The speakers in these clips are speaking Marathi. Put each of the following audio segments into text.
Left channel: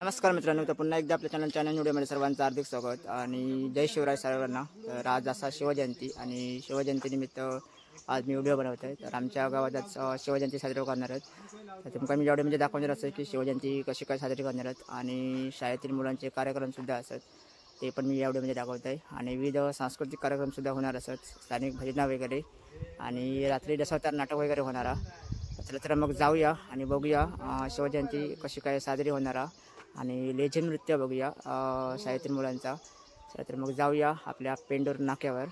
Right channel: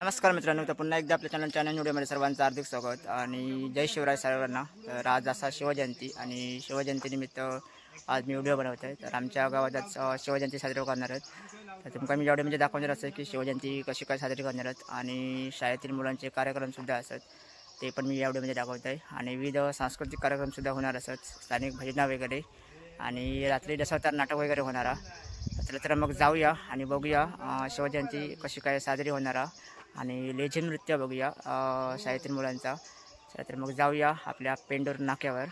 नमस्कार मित्रांनो, तर पुन्हा एकदा आपल्या चॅनल व्हिडिओमध्ये सर्वांचं हार्दिक स्वागत आणि जय शिवराय सर्वांना। तर आज असा शिवजयंती आणि शिवजयंतीनिमित्त आज मी व्हिडिओ बनवत आहे। तर आमच्या गावात आज शिवजयंती साजरी करणार आहेत। तर तुम्हाला मी व्हिडिओमध्ये दाखवणार आहे की शिवजयंती कशी काय साजरी करणार आहेत आणि शाळेतील मुलांचे कार्यक्रमसुद्धा असतात, ते पण मी या व्हिडिओमध्ये दाखवत आहे। आणि विविध सांस्कृतिक कार्यक्रमसुद्धा होणार असतात, स्थानिक भजना वगैरे आणि रात्री दशावतार नाटक वगैरे होणार। तर मग जाऊया आणि बघूया शिवजयंती कशी काय साजरी होणार आणि लेझिम नृत्य बघूया शाळेतील मुलांचा। तर मग जाऊया आपल्या पेंडूर नाक्यावर।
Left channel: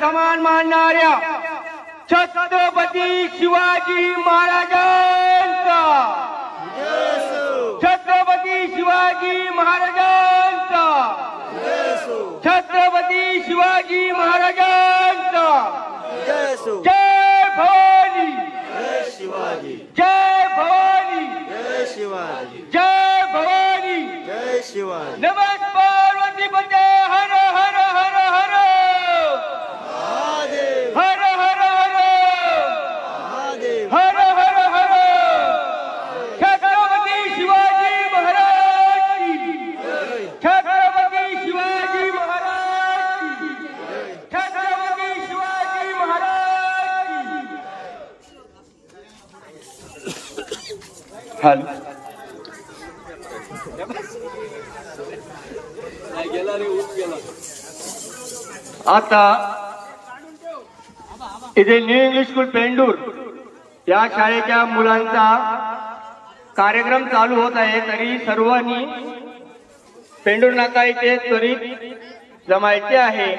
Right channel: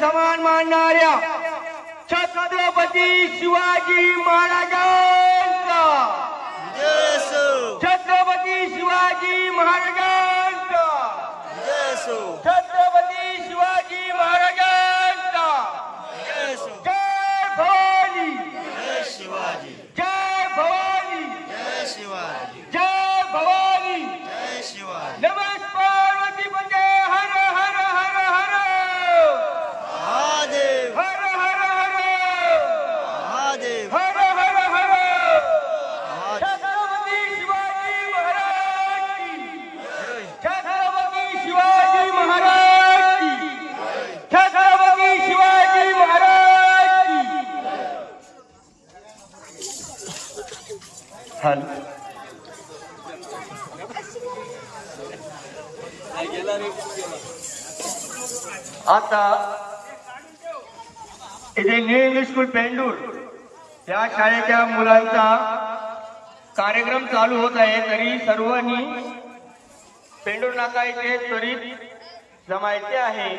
समान मानणाऱ्या छत्रपती शिवाजी महाराजांचा जय असो, छत्रपती शिवाजी महाराजांचा जय असो, छत्रपती शिवाजी महाराजांचा जय असो। जय भवानी, जय शिवाजी, जय भवानी, जय शिवाजी, जय भवानी, जय शिवाजी। नमः पार्वती पते हर हर हर हर महादेव, हर हर हर महादेव, हर हर हर छत्रपती शिवाजी महाराज की, छत्रपती शिवाजी महाराज की, छत्रपती शिवाजी महाराज की। आता इथे न्यू इंग्लिश स्कूल पेंडूर या शाळेच्या मुलांचा कार्यक्रम चालू होत आहे, तरी सर्वांनी पेंडूर नाका इथे त्वरित जमायचे आहे।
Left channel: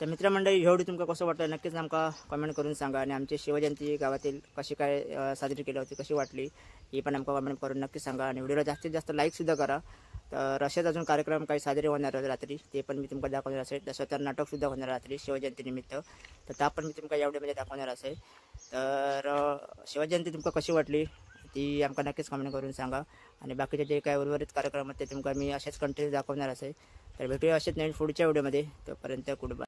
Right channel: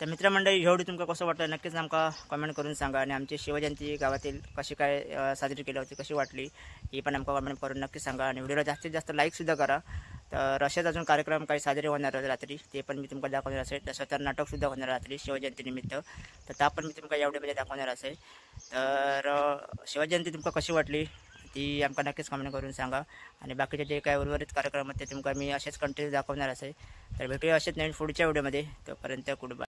तर मित्रमंडळी ह्या व्हिडिओ तुमका कसं वाटलं नक्कीच आमका कमेंट करून सांगा आणि आमची शिवजयंती गावातील कशी काय साजरी केली होती कशी वाटली ही पण आमका कमेंट करून नक्की सांगा आणि व्हिडिओला जास्तीत जास्त लाईकसुद्धा करा. तर असेच अजून कार्यक्रम काही साजरे होणार रात्री ते पण मी तुमका दाखवणार असेल. तसं तर नाटकसुद्धा होणार रात्री शिवजयंतीनिमित्त तर त्या पण मी तुमका या व्हिडिओमध्ये दाखवणार असेल. तर शिवजयंती तुमका कशी वाटली ती आमका नक्कीच कमेंट करून सांगा आणि बाकीचे जे काही उर्वरित कार्यक्रम आहेत ते तुमका मी असेच कंटिन्यू दाखवणार असेल. तर भेटूया असेच नवीन पुढच्या व्हिडिओमध्ये. तोपर्यंत गुड बाय.